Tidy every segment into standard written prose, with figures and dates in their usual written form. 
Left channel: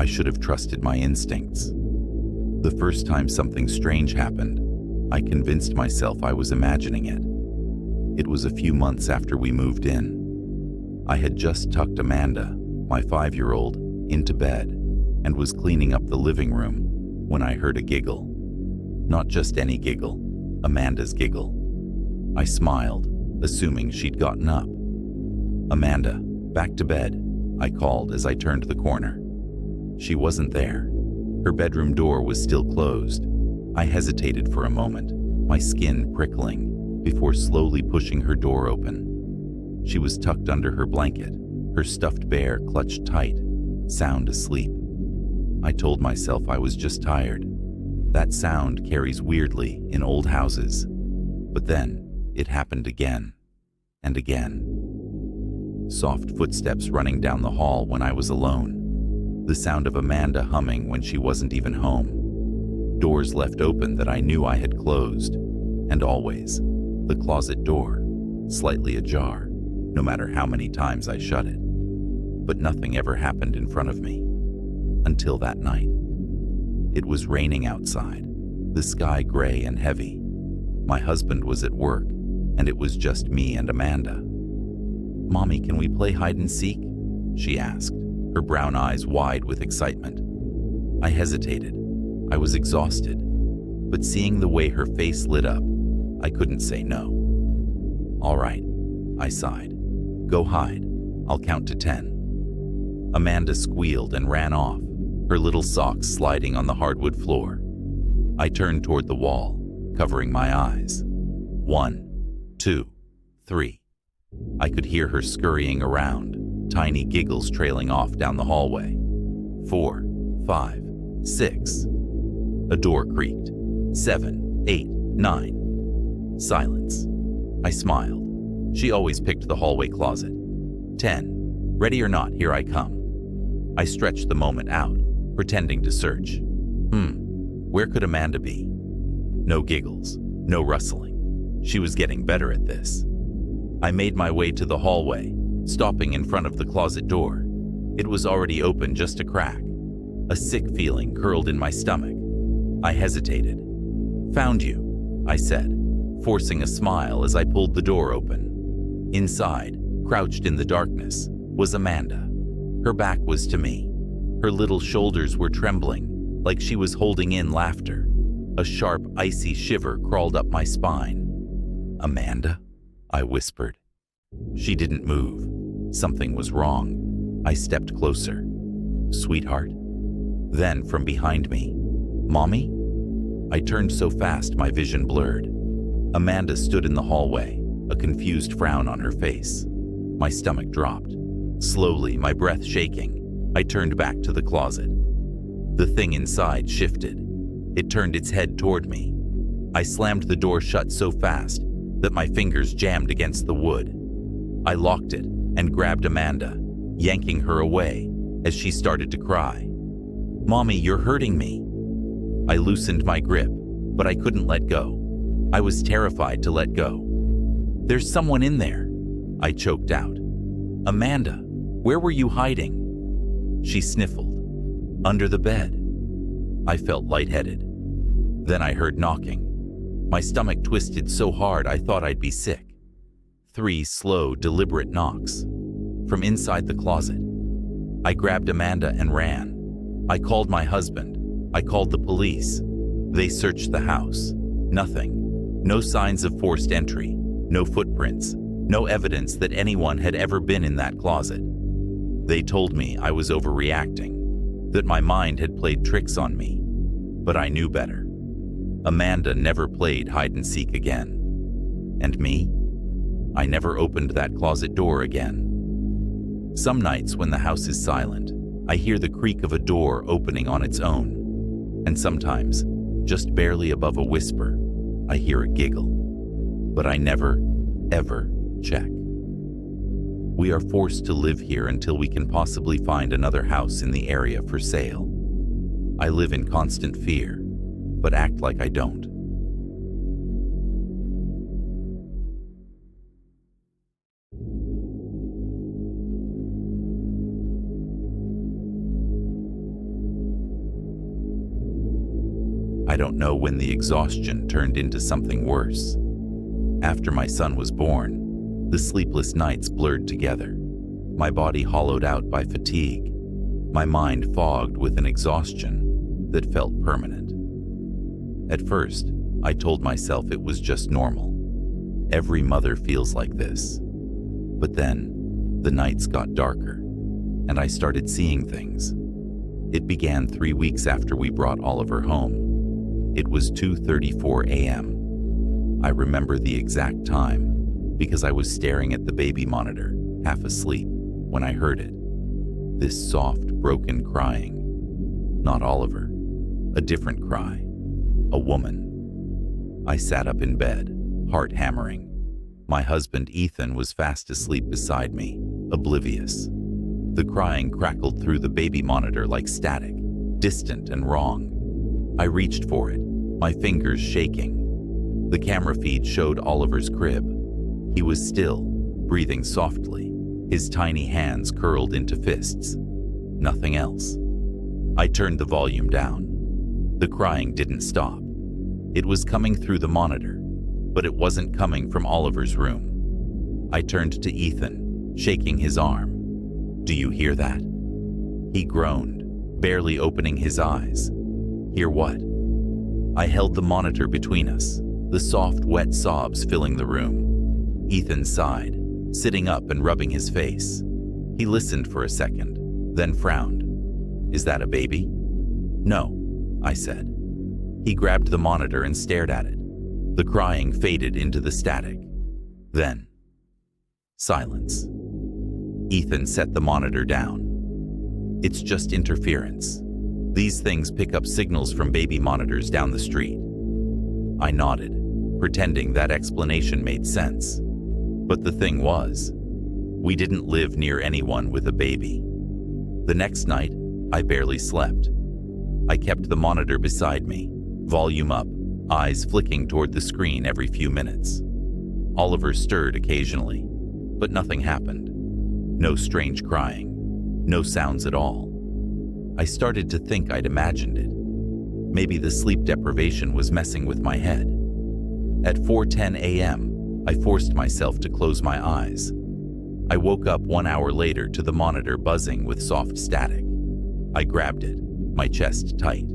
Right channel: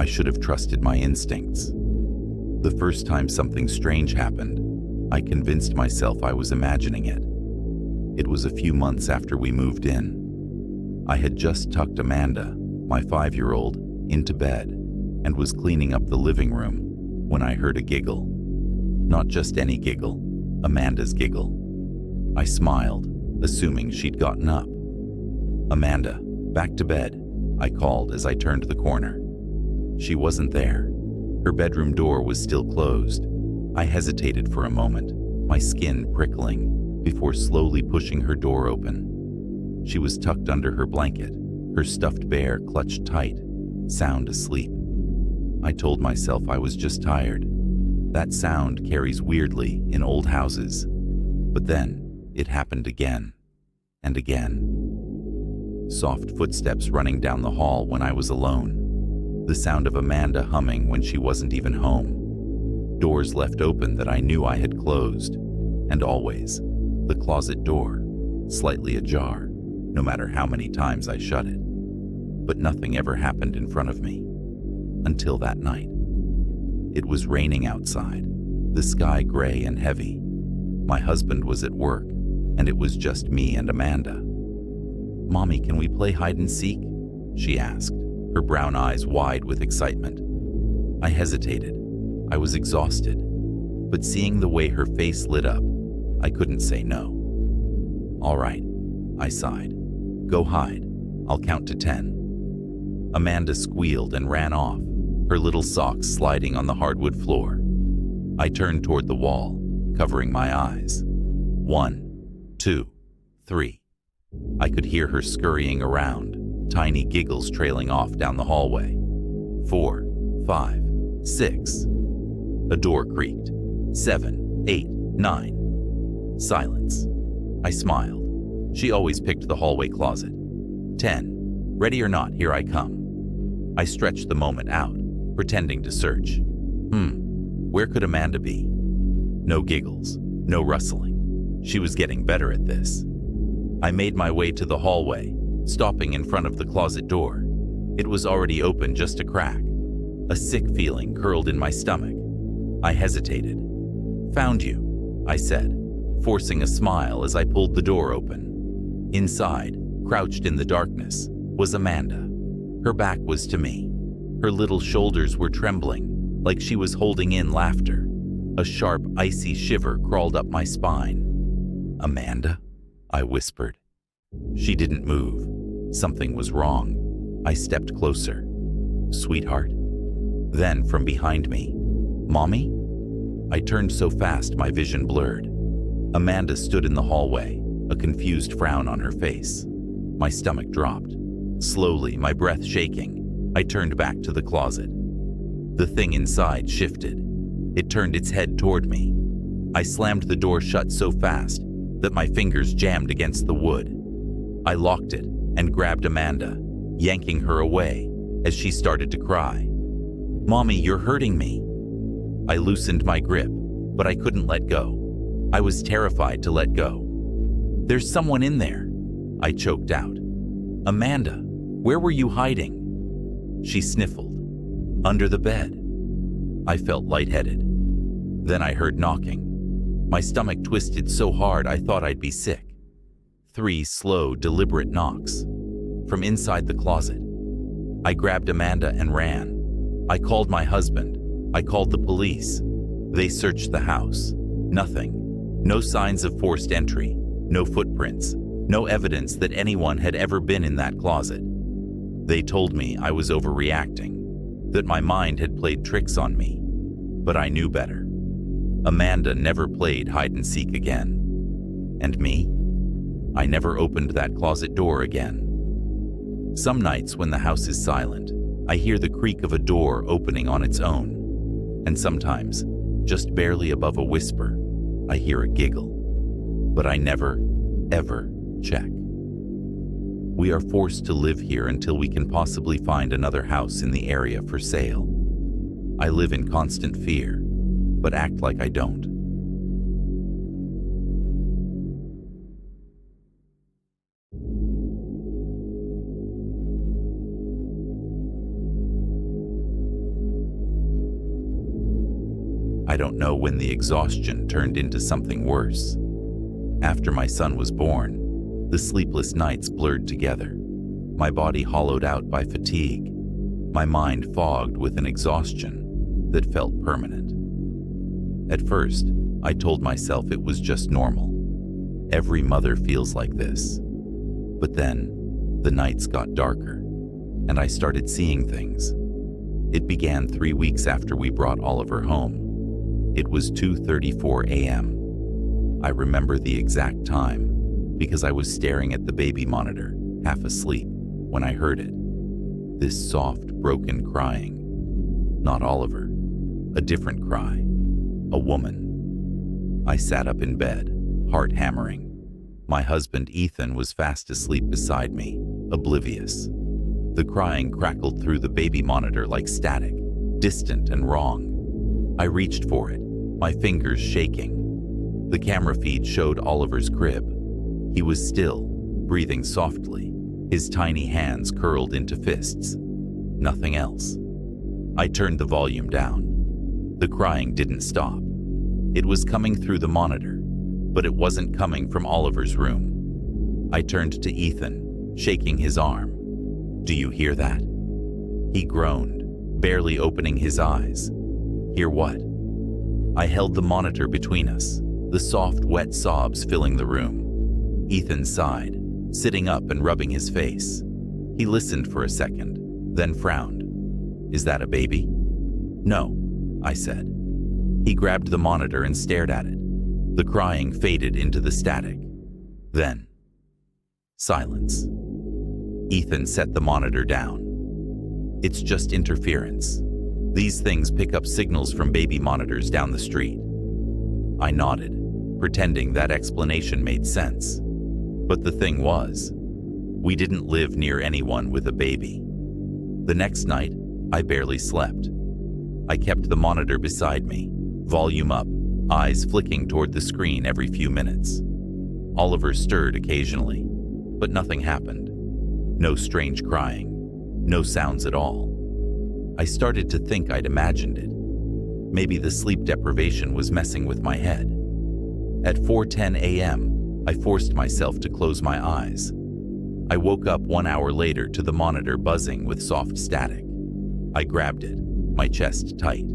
I should have trusted my instincts. The first time something strange happened, I convinced myself I was imagining it. It was a few months after we moved in. I had just tucked Amanda, my 5-year-old, into bed and was cleaning up the living room when I heard a giggle. Not just any giggle, Amanda's giggle. I smiled, assuming she'd gotten up. "Amanda, back to bed," I called as I turned the corner. She wasn't there. Her bedroom door was still closed. I hesitated for a moment, my skin prickling, before slowly pushing her door open. She was tucked under her blanket, her stuffed bear clutched tight, sound asleep. I told myself I was just tired. That sound carries weirdly in old houses. But then, it happened again, and again. Soft footsteps running down the hall when I was alone. The sound of Amanda humming when she wasn't even home. Doors left open that I knew I had closed. And always, the closet door, slightly ajar, no matter how many times I shut it. But nothing ever happened in front of me. Until that night. It was raining outside, the sky gray and heavy. My husband was at work, and it was just me and Amanda. "Mommy, can we play hide and seek?" she asked, her brown eyes wide with excitement. I hesitated. I was exhausted, but seeing the way her face lit up, I couldn't say no. "All right," I sighed. "Go hide. I'll count to 10. Amanda squealed and ran off, her little socks sliding on the hardwood floor. I turned toward the wall, covering my eyes. 1, 2, 3. I could hear her scurrying around, tiny giggles trailing off down the hallway. 4, 5, 6. A door creaked. 7, 8, 9. Silence. I smiled. She always picked the hallway closet. 10. Ready or not, here I come. I stretched the moment out, pretending to search. Where could Amanda be? No giggles, no rustling. She was getting better at this. I made my way to the hallway, stopping in front of the closet door. It was already open just a crack. A sick feeling curled in my stomach. I hesitated. "Found you," I said, forcing a smile as I pulled the door open. Inside, crouched in the darkness, was Amanda. Her back was to me. Her little shoulders were trembling, like she was holding in laughter. A sharp, icy shiver crawled up my spine. "Amanda?" I whispered. She didn't move. Something was wrong. I stepped closer. "Sweetheart?" Then from behind me, "Mommy?" I turned so fast my vision blurred. Amanda stood in the hallway, a confused frown on her face. My stomach dropped. Slowly, my breath shaking, I turned back to the closet. The thing inside shifted. It turned its head toward me. I slammed the door shut so fast that my fingers jammed against the wood. I locked it and grabbed Amanda, yanking her away as she started to cry. "Mommy, you're hurting me." I loosened my grip, but I couldn't let go. I was terrified to let go. "There's someone in there," I choked out. "Amanda, where were you hiding?" She sniffled. "Under the bed." I felt lightheaded. Then I heard knocking. My stomach twisted so hard I thought I'd be sick. 3 slow, deliberate knocks. From inside the closet. I grabbed Amanda and ran. I called my husband. I called the police. They searched the house. Nothing. No signs of forced entry. No footprints. No evidence that anyone had ever been in that closet. They told me I was overreacting, that my mind had played tricks on me. But I knew better. Amanda never played hide and seek again. And me? I never opened that closet door again. Some nights when the house is silent, I hear the creak of a door opening on its own. And sometimes, just barely above a whisper, I hear a giggle. But I never, ever check. We are forced to live here until we can possibly find another house in the area for sale. I live in constant fear, but act like I don't. I don't know when the exhaustion turned into something worse. After my son was born, the sleepless nights blurred together. My body hollowed out by fatigue, my mind fogged with an exhaustion that felt permanent. At first, I told myself it was just normal. Every mother feels like this. But then, the nights got darker, and I started seeing things. It began 3 weeks after we brought Oliver home. It was 2:34 a.m. I remember the exact time because I was staring at the baby monitor, half asleep, when I heard it. This soft, broken crying. Not Oliver. A different cry. A woman. I sat up in bed, heart hammering. My husband Ethan was fast asleep beside me, oblivious. The crying crackled through the baby monitor like static, distant and wrong. I reached for it, my fingers shaking. The camera feed showed Oliver's crib. He was still, breathing softly, his tiny hands curled into fists. Nothing else. I turned the volume down. The crying didn't stop. It was coming through the monitor, but it wasn't coming from Oliver's room. I turned to Ethan, shaking his arm. "Do you hear that?" He groaned, barely opening his eyes. "Hear what?" I held the monitor between us, the soft, wet sobs filling the room. Ethan sighed, sitting up and rubbing his face. He listened for a second, then frowned. "Is that a baby?" "No," I said. He grabbed the monitor and stared at it. The crying faded into the static. Then, silence. Ethan set the monitor down. "It's just interference. These things pick up signals from baby monitors down the street." I nodded, pretending that explanation made sense. But the thing was, we didn't live near anyone with a baby. The next night, I barely slept. I kept the monitor beside me, volume up, eyes flicking toward the screen every few minutes. Oliver stirred occasionally, but nothing happened. No strange crying, no sounds at all. I started to think I'd imagined it. Maybe the sleep deprivation was messing with my head. At 4:10 a.m., I forced myself to close my eyes. I woke up 1 hour later to the monitor buzzing with soft static. I grabbed it, my chest tight,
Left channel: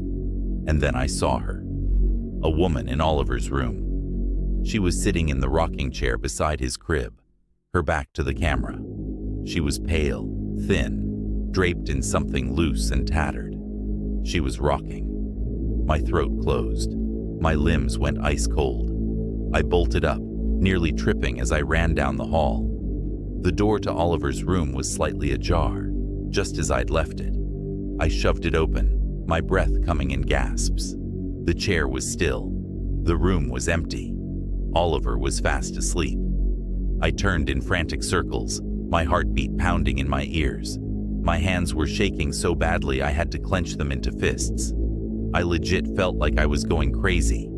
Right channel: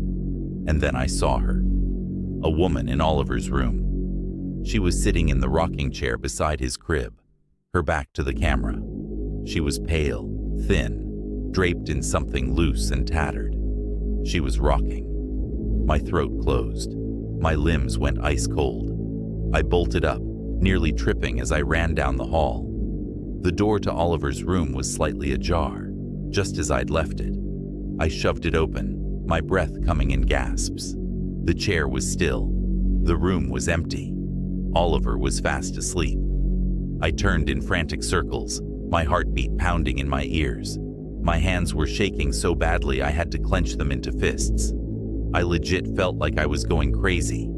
and then I saw her. A woman in Oliver's room. She was sitting in the rocking chair beside his crib, her back to the camera. She was pale, thin, draped in something loose and tattered. She was rocking. My throat closed. My limbs went ice cold. I bolted up, nearly tripping as I ran down the hall. The door to Oliver's room was slightly ajar, just as I'd left it. I shoved it open, my breath coming in gasps. The chair was still. The room was empty. Oliver was fast asleep. I turned in frantic circles, my heartbeat pounding in my ears. My hands were shaking so badly I had to clench them into fists. I legit felt like I was going crazy.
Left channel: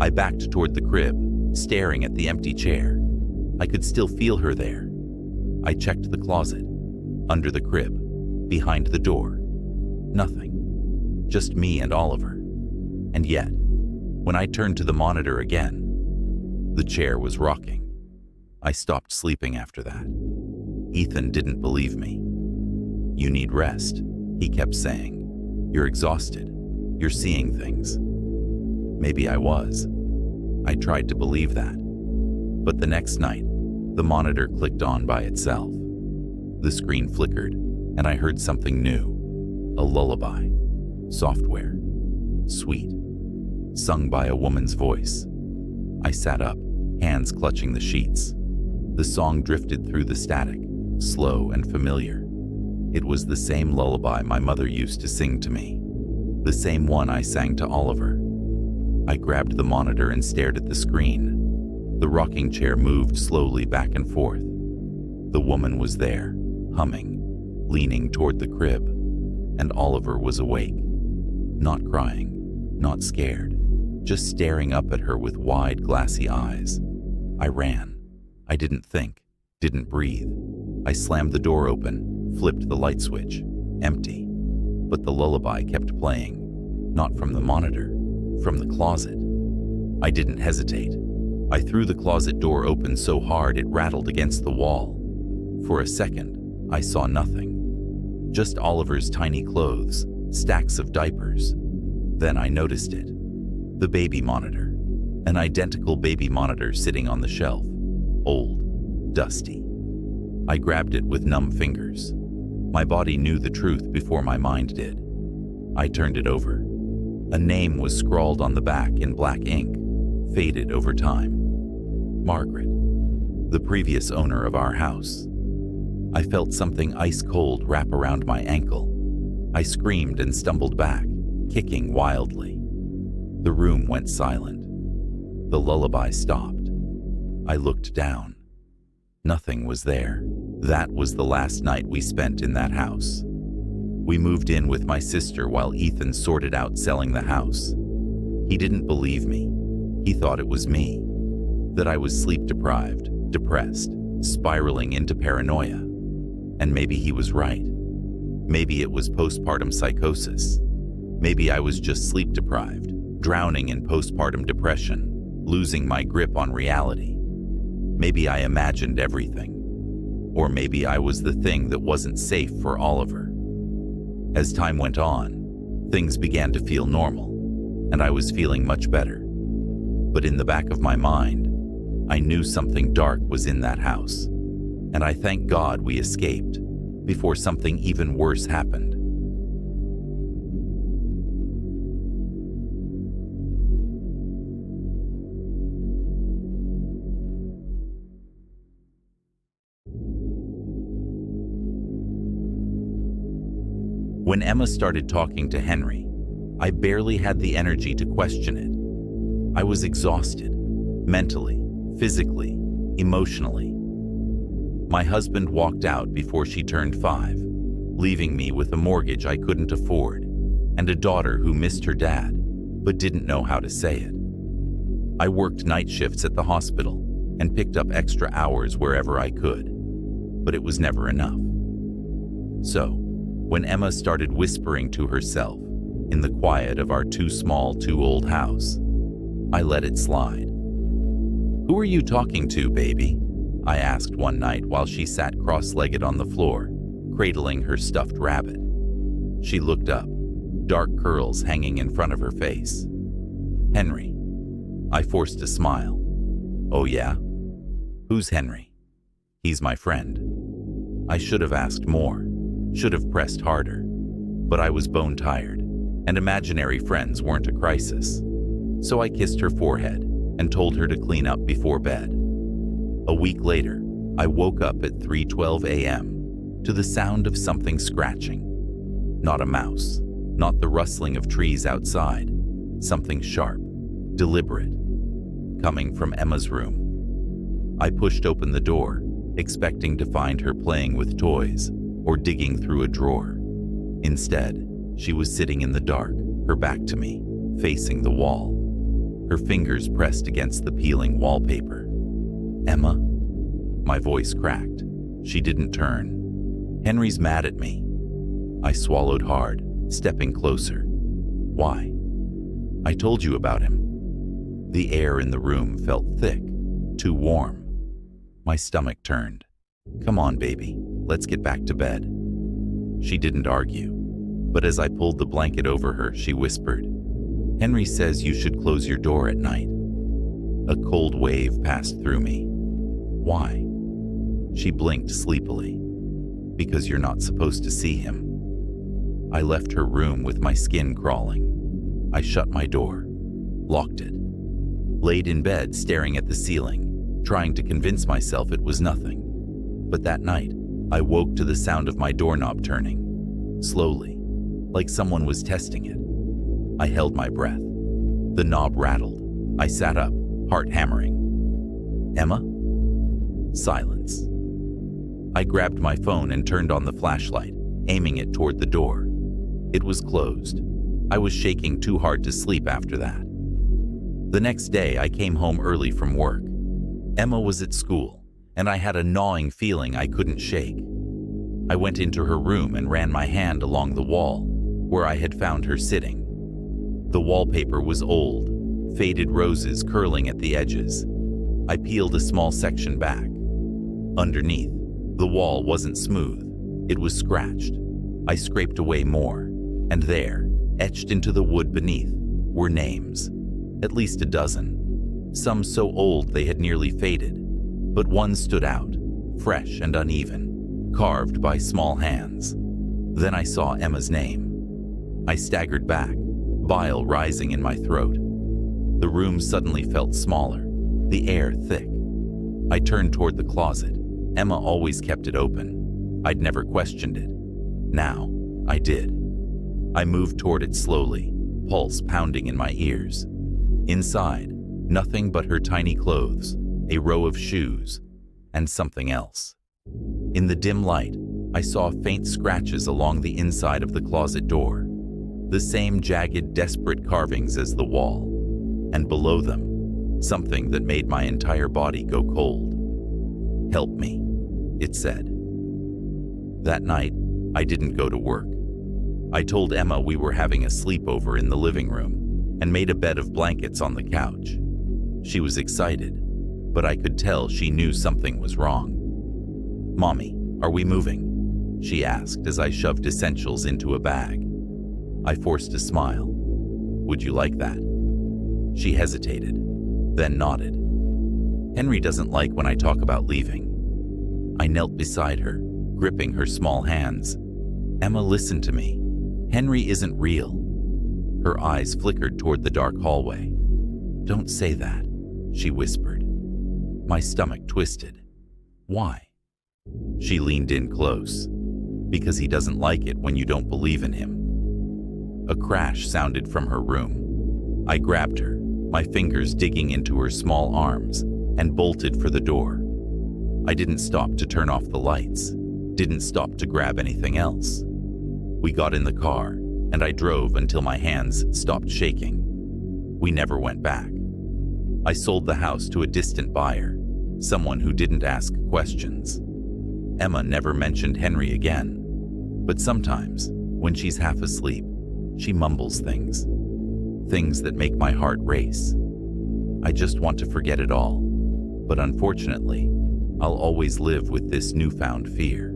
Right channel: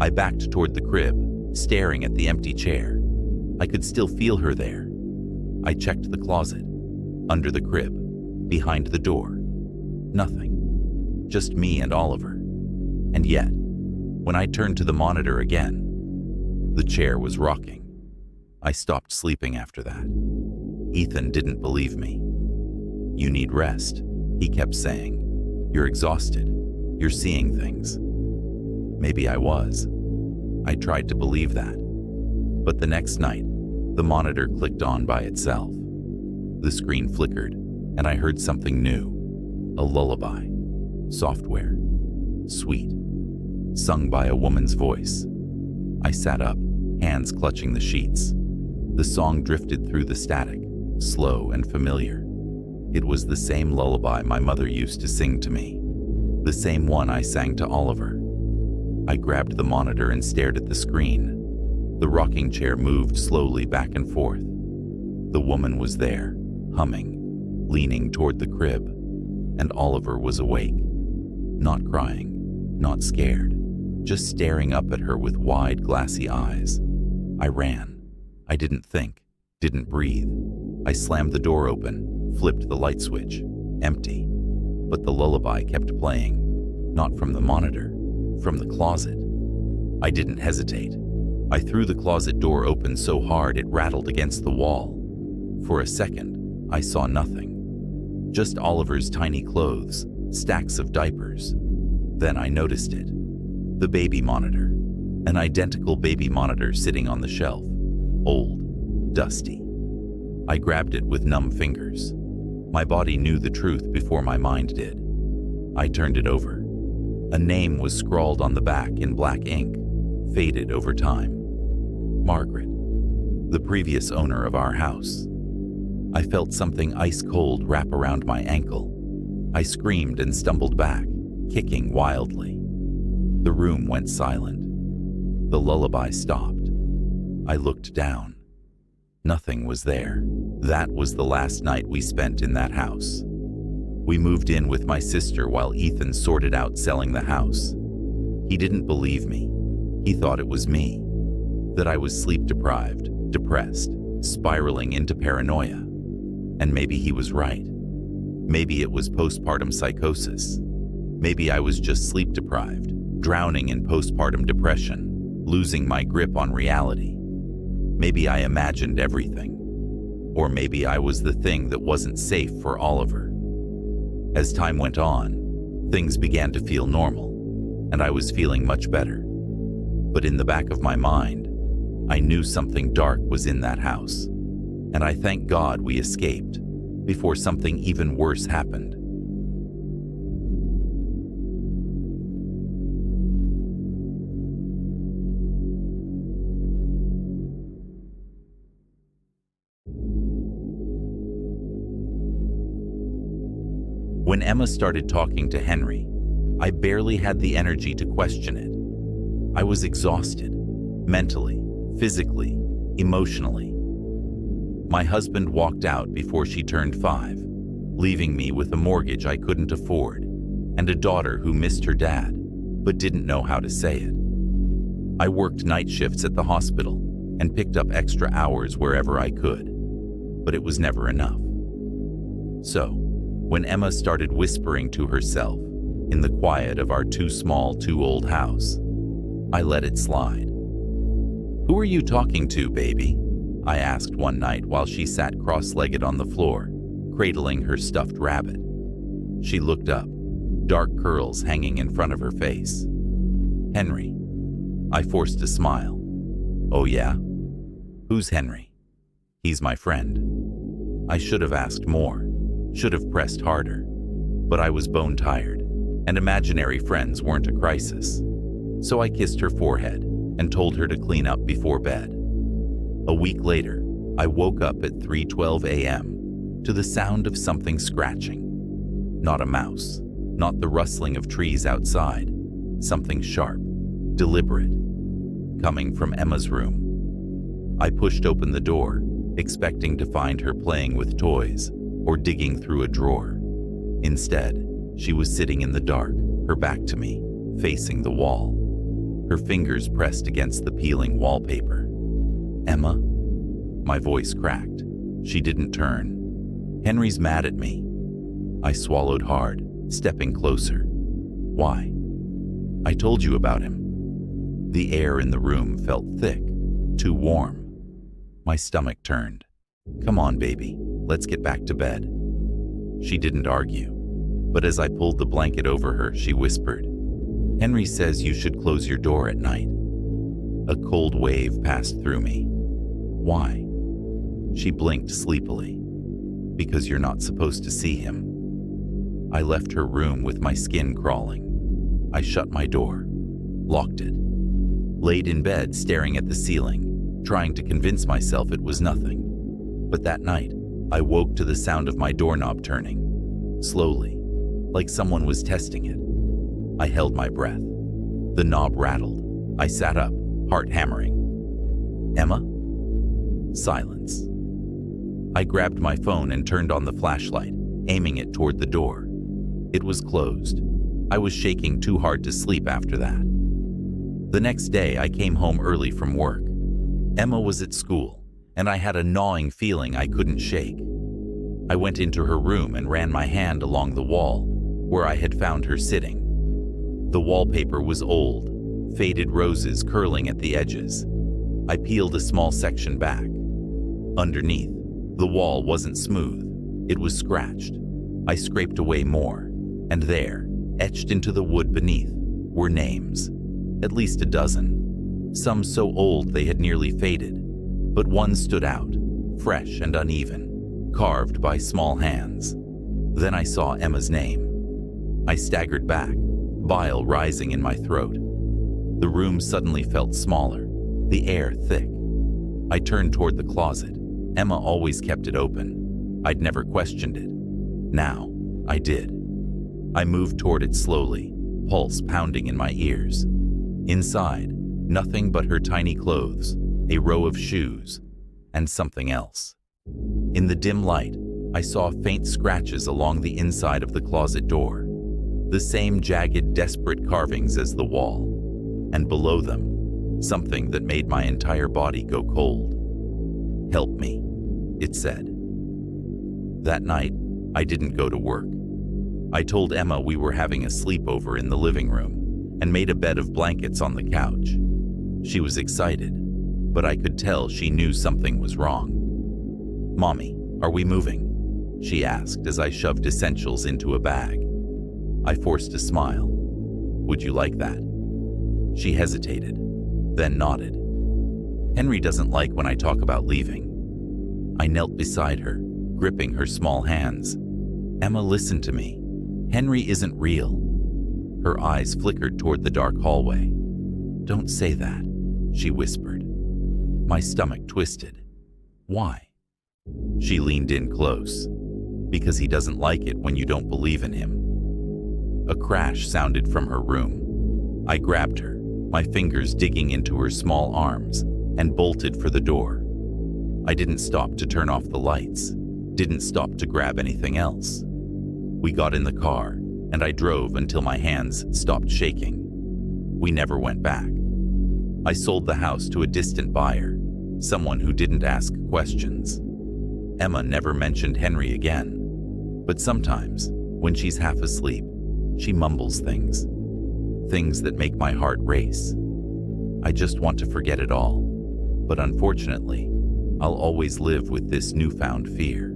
I backed toward the crib, staring at the empty chair. I could still feel her there. I checked the closet, under the crib, behind the door. Nothing. Just me and Oliver. And yet, when I turned to the monitor again, the chair was rocking. I stopped sleeping after that. Ethan didn't believe me. "You need rest," he kept saying. "You're exhausted. You're seeing things." Maybe I was. I tried to believe that. But the next night, the monitor clicked on by itself. The screen flickered, and I heard something new. A lullaby. Software. Sweet. Sung by a woman's voice. I sat up, hands clutching the sheets. The song drifted through the static, slow and familiar. It was the same lullaby my mother used to sing to me. The same one I sang to Oliver. I grabbed the monitor and stared at the screen. The rocking chair moved slowly back and forth. The woman was there, humming, leaning toward the crib, and Oliver was awake. Not crying, not scared, just staring up at her with wide, glassy eyes. I ran. I didn't think, didn't breathe. I slammed the door open, flipped the light switch. Empty. But the lullaby kept playing. Not from the monitor, from the closet. I didn't hesitate. I threw the closet door open so hard it rattled against the wall. For a second, I saw nothing. Just Oliver's tiny clothes, stacks of diapers. Then I noticed it. The baby monitor. An identical baby monitor sitting on the shelf. Old, dusty. I grabbed it with numb fingers. My body knew the truth before my mind did. I turned it over. A name was scrawled on the back in black ink, faded over time. Margaret, the previous owner of our house. I felt something ice-cold wrap around my ankle. I screamed and stumbled back, kicking wildly. The room went silent. The lullaby stopped. I looked down. Nothing was there. That was the last night we spent in that house. We moved in with my sister while Ethan sorted out selling the house. He didn't believe me. He thought it was me. That I was sleep-deprived, depressed, spiraling into paranoia. And maybe he was right. Maybe it was postpartum psychosis. Maybe I was just sleep-deprived, drowning in postpartum depression, losing my grip on reality. Maybe I imagined everything. Or maybe I was the thing that wasn't safe for Oliver. As time went on, things began to feel normal, and I was feeling much better. But in the back of my mind, I knew something dark was in that house, and I thank God we escaped before something even worse happened. When Emma started talking to Henry, I barely had the energy to question it. I was exhausted, mentally, physically, emotionally. My husband walked out before she turned 5, leaving me with a mortgage I couldn't afford and a daughter who missed her dad, but didn't know how to say it. I worked night shifts at the hospital and picked up extra hours wherever I could, but it was never enough. So, when Emma started whispering to herself in the quiet of our too small, too old house, I let it slide. "Who are you talking to, baby?" I asked one night while she sat cross-legged on the floor, cradling her stuffed rabbit. She looked up, dark curls hanging in front of her face. "Henry." I forced a smile. "Oh yeah? Who's Henry?" "He's my friend." I should have asked more, should have pressed harder, but I was bone tired, and imaginary friends weren't a crisis. So I kissed her forehead and told her to clean up before bed. A week later, I woke up at 3:12 a.m. to the sound of something scratching. Not a mouse, not the rustling of trees outside, something sharp, deliberate, coming from Emma's room. I pushed open the door, expecting to find her playing with toys or digging through a drawer. Instead, she was sitting in the dark, her back to me, facing the wall. Her fingers pressed against the peeling wallpaper. "Emma?" My voice cracked. She didn't turn. "Henry's mad at me." I swallowed hard, stepping closer. "Why?" "I told you about him." The air in the room felt thick, too warm. My stomach turned. "Come on, baby. Let's get back to bed." She didn't argue, but as I pulled the blanket over her, she whispered, "Henry says you should close your door at night." A cold wave passed through me. "Why?" She blinked sleepily. "Because you're not supposed to see him." I left her room with my skin crawling. I shut my door, locked it, laid in bed staring at the ceiling, trying to convince myself it was nothing. But that night, I woke to the sound of my doorknob turning, slowly, like someone was testing it. I held my breath. The knob rattled. I sat up, heart hammering. "Emma?" Silence. I grabbed my phone and turned on the flashlight, aiming it toward the door. It was closed. I was shaking too hard to sleep after that. The next day, I came home early from work. Emma was at school, and I had a gnawing feeling I couldn't shake. I went into her room and ran my hand along the wall, where I had found her sitting. The wallpaper was old, faded roses curling at the edges. I peeled a small section back. Underneath, the wall wasn't smooth. It was scratched. I scraped away more, and there, etched into the wood beneath, were names. At least a dozen. Some so old they had nearly faded, but one stood out, fresh and uneven, carved by small hands. Then I saw Emma's name. I staggered back, bile rising in my throat. The room suddenly felt smaller, the air thick. I turned toward the closet. Emma always kept it open. I'd never questioned it. Now, I did. I moved toward it slowly, pulse pounding in my ears. Inside, nothing but her tiny clothes, a row of shoes, and something else. In the dim light, I saw faint scratches along the inside of the closet door, the same jagged, desperate carvings as the wall, and below them, something that made my entire body go cold. "Help me," it said. That night, I didn't go to work. I told Emma we were having a sleepover in the living room and made a bed of blankets on the couch. She was excited, but I could tell she knew something was wrong. "Mommy, are we moving?" she asked as I shoved essentials into a bag. I forced a smile. "Would you like that?" She hesitated, then nodded. "Henry doesn't like when I talk about leaving." I knelt beside her, gripping her small hands. "Emma, listen to me. Henry isn't real." Her eyes flickered toward the dark hallway. "Don't say that," she whispered. My stomach twisted. "Why?" She leaned in close. "Because he doesn't like it when you don't believe in him." A crash sounded from her room. I grabbed her, my fingers digging into her small arms, and bolted for the door. I didn't stop to turn off the lights, didn't stop to grab anything else. We got in the car, and I drove until my hands stopped shaking. We never went back. I sold the house to a distant buyer, someone who didn't ask questions. Emma never mentioned Henry again, but sometimes, when she's half asleep, she mumbles things that make my heart race. I just want to forget it all, but unfortunately, I'll always live with this newfound fear.